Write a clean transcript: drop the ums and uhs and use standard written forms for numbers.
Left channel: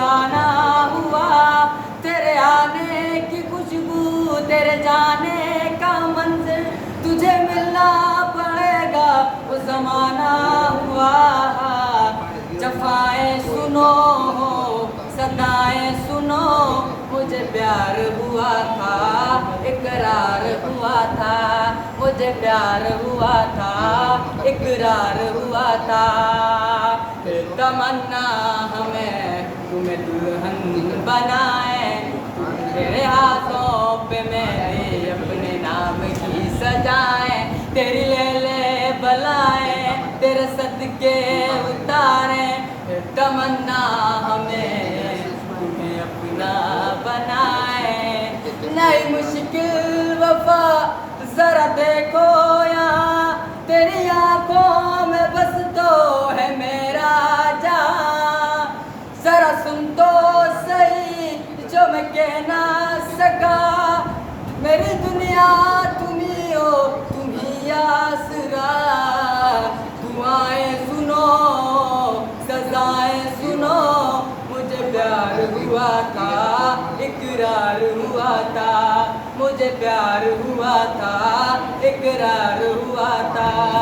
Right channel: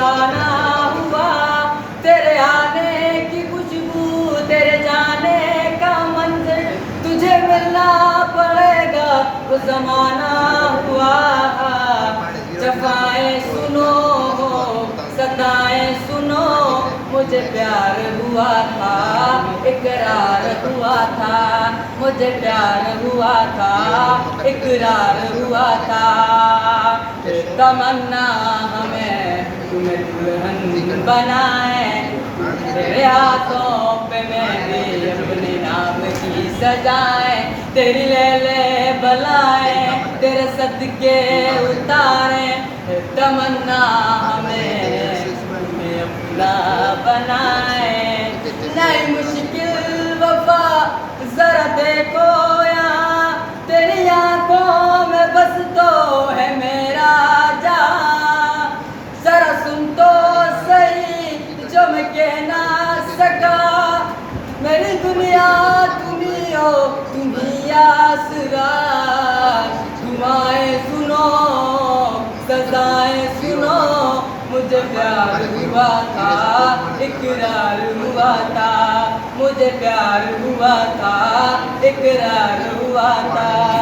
फसाना हुआ। तेरे आने की खुशबू, तेरे जाने का मंज़िल, तुझे मिलना पड़ेगा वो ज़माना हुआ। जफ़ाएं सुनो, सदाएं सुनो, मुझे प्यार हुआ था, इकरार हुआ था, मुझे प्यार हुआ था, इकरार हुआ था। तमन्ना हमें तुम्हें दुल्हन बनाए, तेरे हाथों पे मेरे अपने नाम की सजाए, तेरी ले बलाए तेरे सदके उतारे। तमन्ना हमें तुम्हें अपना बनाए। नहीं मुश्किल वफा जरा देखो यहाँ, तेरी आंखों में बस तो है मेरा जहां। जरा सुन तो सही जो मैं कह ना सका, मेरी दुनिया तुम ही हो, तुम ही आसरा। दुआएं सुनो, सजाएं सुनो, मुझे प्यार हुआ था, इकरार हुआ था, मुझे प्यार हुआ था, इकरार हुआ था।